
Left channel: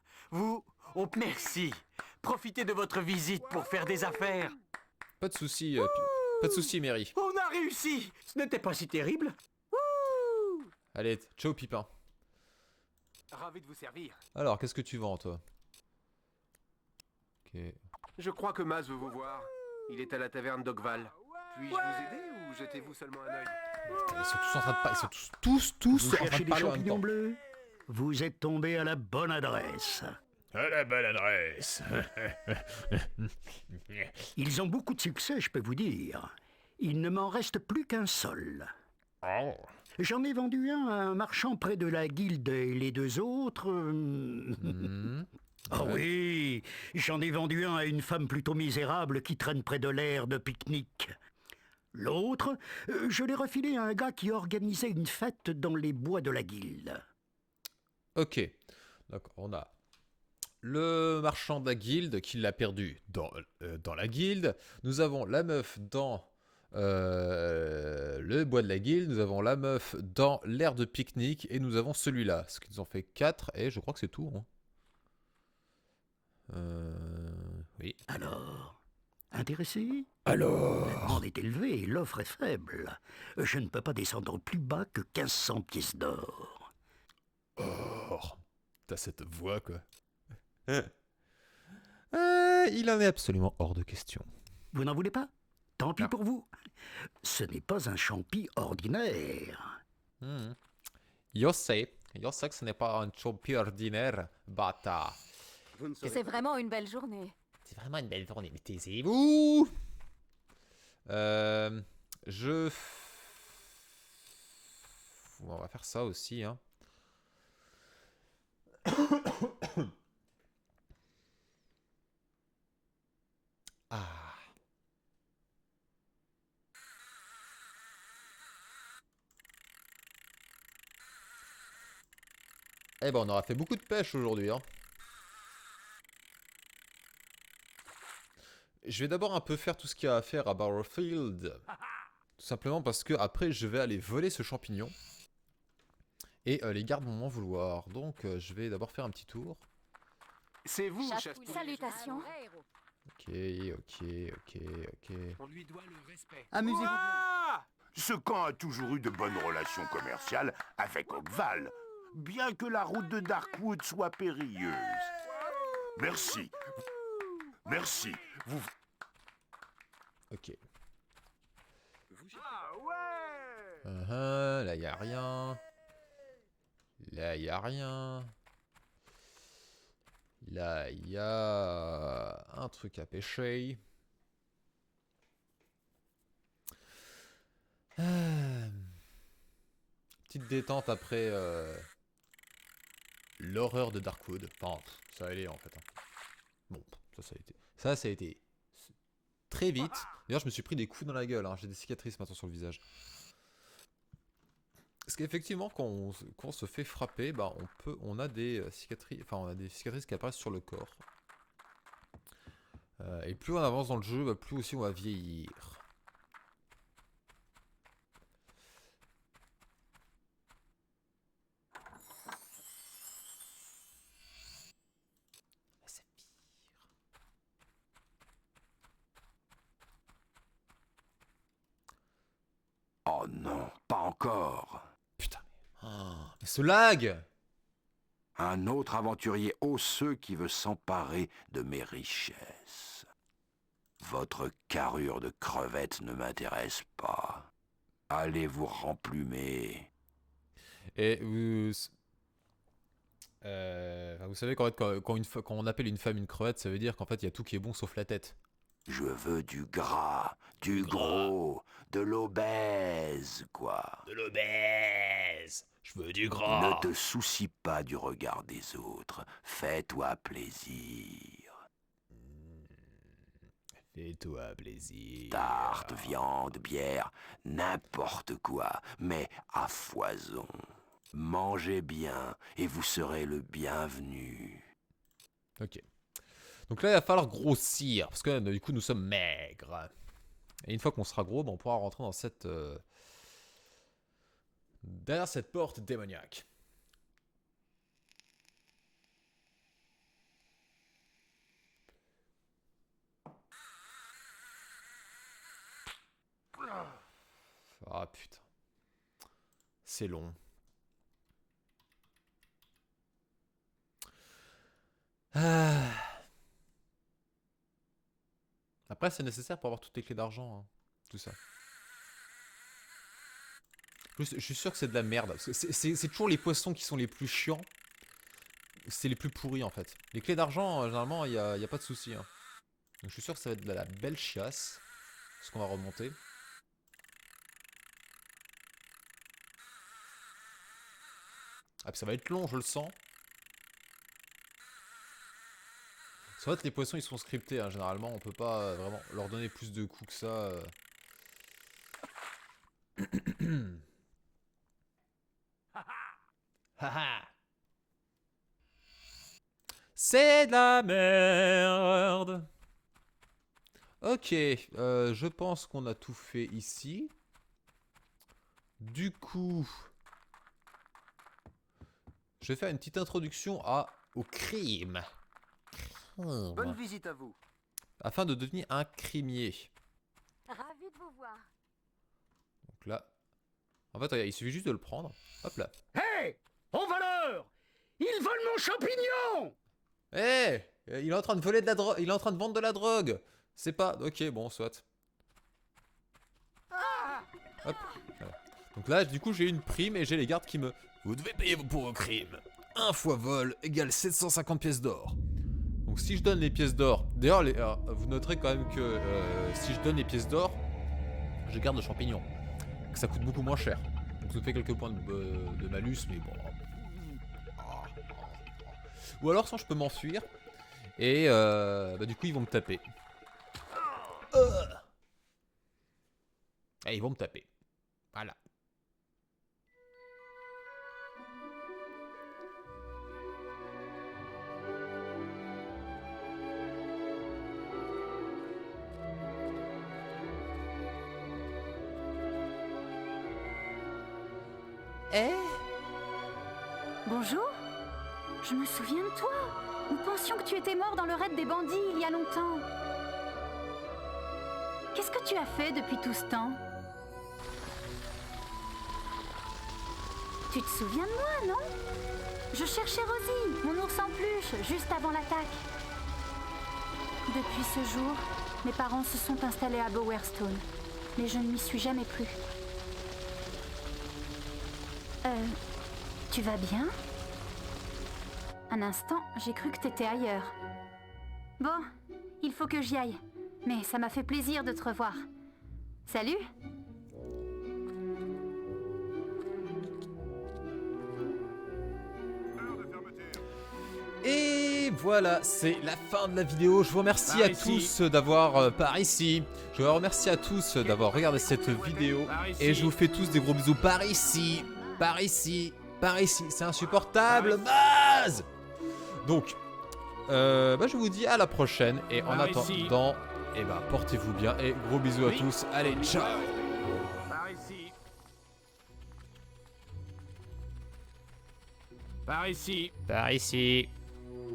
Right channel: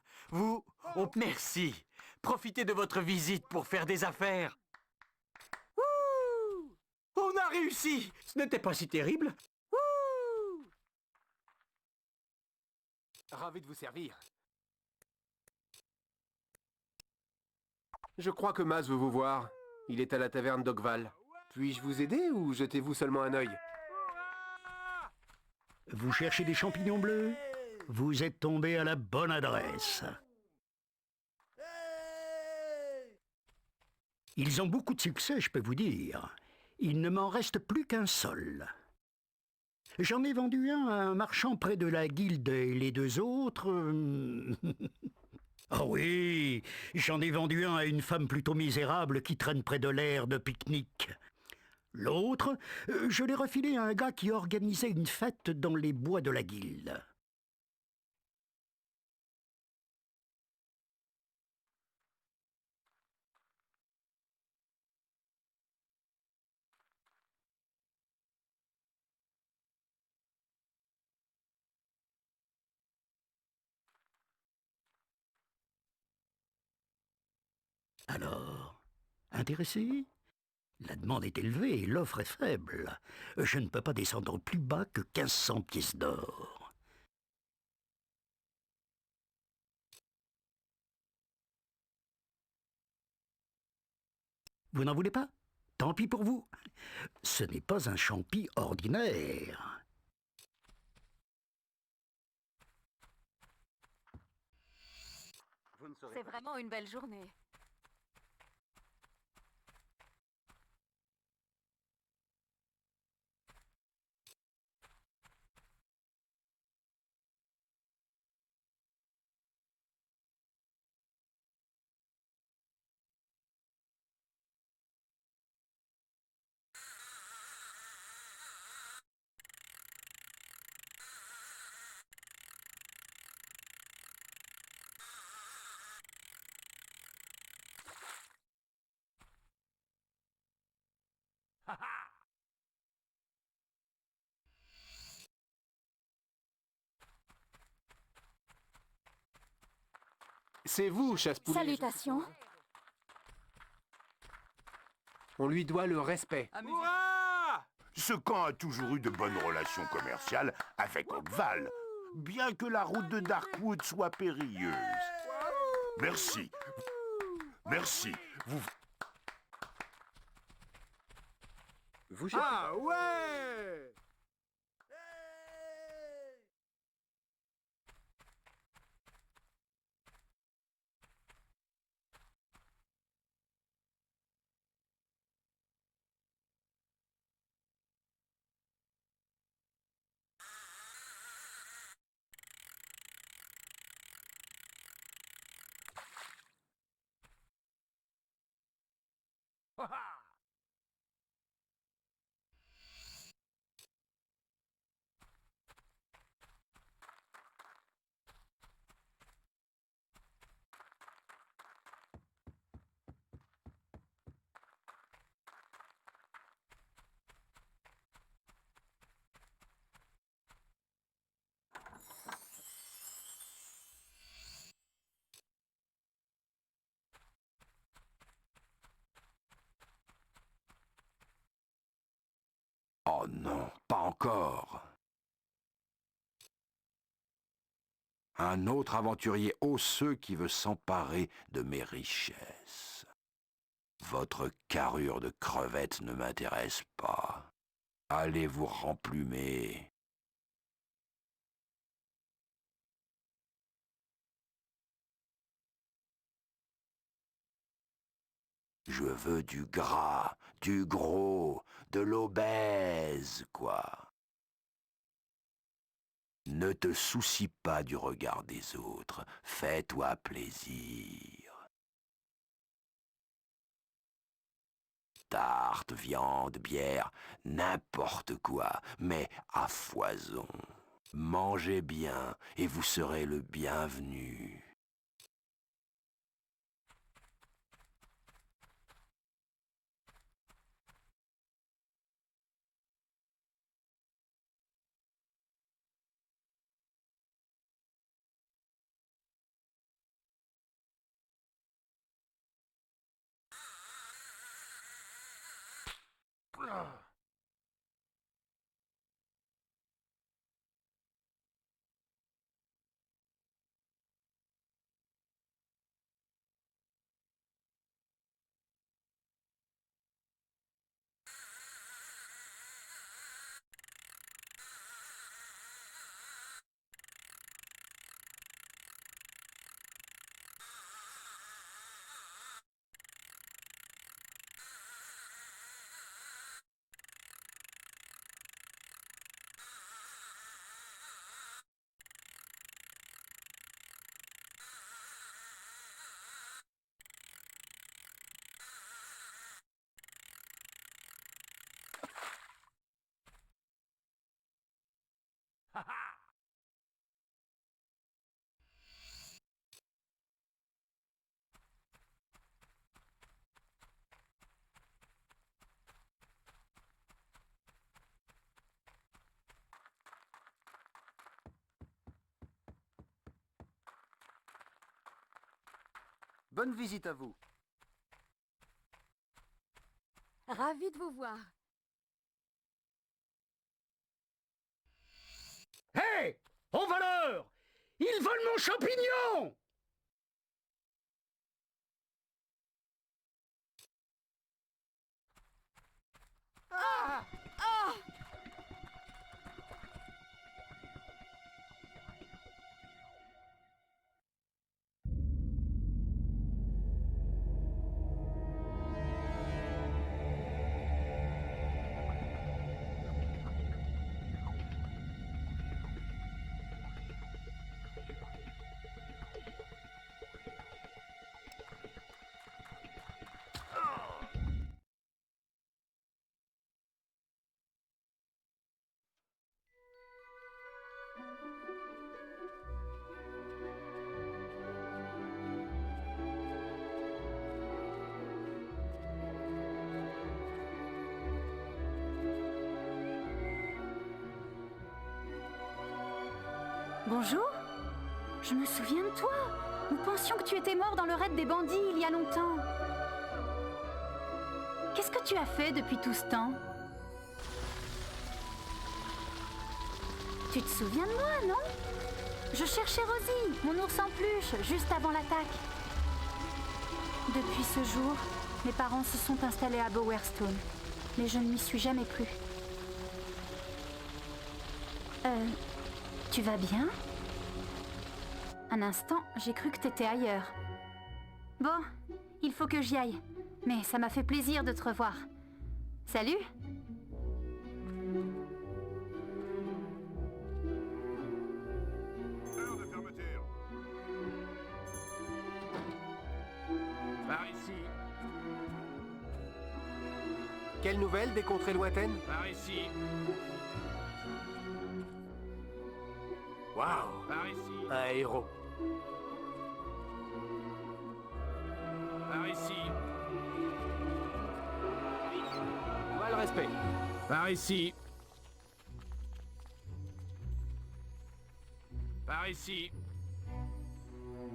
Merci. Profitez de votre visite pour faire des affaires. Pas de soucis, pas de soucis, Mary. On a réussi. Ce n'était pas si terrible. Allez, ciao Pipin. Ravi de vous servir. Alors, qu'est-ce que tu vends, toi? Ok. Je crois que Maz veut vous voir. Il est à la taverne d'Oakval. Puis-je vous aider ou jetez-vous seulement un œil? Ils sont tous en train de parler. Ils sont tous Vous en train cherchez de des parler en même champignons temps. bleus? Vous êtes tombé à la bonne adresse. À la bonne adresse. Ils ont beaucoup de succès, je peux vous dire. Il ne m'en reste plus qu'un seul. Oh. J'en ai vendu un à un marchand près de la guilde et les deux autres... Ah oui, j'en ai vendu un à une femme plutôt misérable qui traîne près de l'aire de pique-nique. L'autre, je l'ai refilé à un gars qui organisait une fête dans les bois de la guilde. Ok. Donc, on a le marchand de la guilde qui l'a perdu dans la guilde. Nous avons la meuf dans le bois de la guilde. Nous avons la meuf dans l'aire de pique-nique. Et nous avons celui-là. Ce qui nous en fait 4. Et je crois que c'est tout. Hein. Oui. Alors, intéressé? Alors. La demande est élevée et l'offre est faible. Je ne peux pas descendre plus bas que 1500 pièces d'or. Or. T'as cette voix, quoi. Il en est absolument hors de question. Vous n'en voulez pas? Tant pis pour vous. Ce n'est pas un champi ordinaire. Je sais que ce n'est pas un champi ordinaire, bâtard. C'est vraiment une belle journée. C'est vraiment une belle journée, mais taisez-vous. On va faire ça aussi, hein. Ah. Eh ben, on aura fait beaucoup de pêche aujourd'hui, hein. Je vais d'abord un peu faire tout ce qu'il y a à faire à Barrowfield. Tout simplement parce que après je vais aller voler ce champignon. Et les gardes vont m'en vouloir. Donc je vais d'abord faire un petit tour. C'est vous, chasse-poulet. Salutations. Ok. On lui doit le respect. Amusez-vous. Ce camp a toujours eu de bonnes relations commerciales avec Oakval, bien que la route de Darkwood soit périlleuse. Merci. Merci. Vous... Ok. Ah ouais. Là y a rien. Là y a rien. Là il y a un truc à pêcher. Petite détente après l'horreur de Darkwood. Enfin, ça allait en fait. Bon, ça a été très vite. D'ailleurs, je me suis pris des coups dans la gueule. Hein. J'ai des cicatrices maintenant sur le visage. Parce qu'effectivement, quand on se fait frapper, bah, on a des cicatrices. Enfin, on a des cicatrices qui apparaissent sur le corps. Et plus on avance dans le jeu, bah, plus aussi on va vieillir. Oh non, pas encore. Putain, mais ce lag! Un autre aventurier osseux qui veut s'emparer de mes richesses. Votre carrure de crevette ne m'intéresse pas. Allez vous remplumer. Et vous savez qu'en fait, quand on appelle une femme une crevette, ça veut dire qu'en fait, il y a tout qui est bon sauf la tête. Je veux du gras, du gros, de l'obèse, quoi. De l'obèse. Je veux du gras. Ne te soucie pas du regard des autres. Fais-toi plaisir. Fais-toi plaisir. Tarte, viande, bière, n'importe quoi, mais à foison. Mangez bien et vous serez le bienvenu. Ok. Donc là, il va falloir grossir, parce que du coup, nous sommes maigres. Et une fois qu'on sera gros, ben, on pourra rentrer dans cette... derrière cette porte démoniaque. Ah putain. C'est long. Après, c'est nécessaire pour avoir toutes les clés d'argent, hein. Tout ça. Je suis sûr que c'est de la merde. C'est toujours les poissons qui sont les plus chiants. C'est les plus pourris en fait. Les clés d'argent, généralement, il n'y a pas de souci. Hein. Donc je suis sûr que ça va être de la belle chiasse. Ce qu'on va remonter. Ah, puis ça va être long, je le sens. C'est vrai que les poissons ils sont scriptés, hein. Généralement on peut pas vraiment leur donner plus de coups que ça. C'est de la merde. Ok, je pense qu'on a tout fait ici. Du coup, je vais faire une petite introduction au crime. Bonne visite à vous. Afin de devenir un crimier. Ravi de vous voir. Donc là, en fait, il suffit juste de le prendre. Hop là. Hé! Ô voleur! Ils volent mon champignon! Eh, il est en train de voler de la drogue. Il est en train de vendre de la drogue. C'est pas... Ok, bon, soit. Hop. Donc là, du coup, j'ai une prime et j'ai les gardes qui me... Vous devez payer pour vos crimes. 1 fois vol égale 750 pièces d'or. Donc si je donne les pièces d'or... D'ailleurs, vous noterez quand même que si je donne les pièces d'or, je garde le champignon. Donc ça coûte beaucoup moins cher. Donc ça fait quelques points de malus, mais bon... Ou alors, sans, je peux m'enfuir. Et du coup, ils vont me taper. Et ils vont me taper. Voilà. Eh? Bonjour? Je me souviens de toi. Nous pensions que tu étais mort dans le raid des bandits il y a longtemps. Qu'est-ce que tu as fait depuis tout ce temps? Tu te souviens de moi, non? Je cherchais Rosie, mon ours en peluche, juste avant l'attaque. Depuis ce jour, mes parents se sont installés à Bowerstone, mais je ne m'y suis jamais plus. Tu vas bien? Un instant, j'ai cru que t'étais ailleurs. Bon, il faut que j'y aille. Mais ça m'a fait plaisir de te revoir. Salut! Et voilà, c'est la fin de la vidéo. Je vous remercie à tous d'avoir par ici. Je vous remercie à tous d'avoir regardé cette vidéo. Et je vous fais tous des gros bisous par ici. Par ici. Par ici. C'est insupportable. Base. Donc, je vous dis à la prochaine. Et en attendant, portez-vous bien. Et gros bisous à tous. Allez, ciao. Par ici. Par ici. Par ici.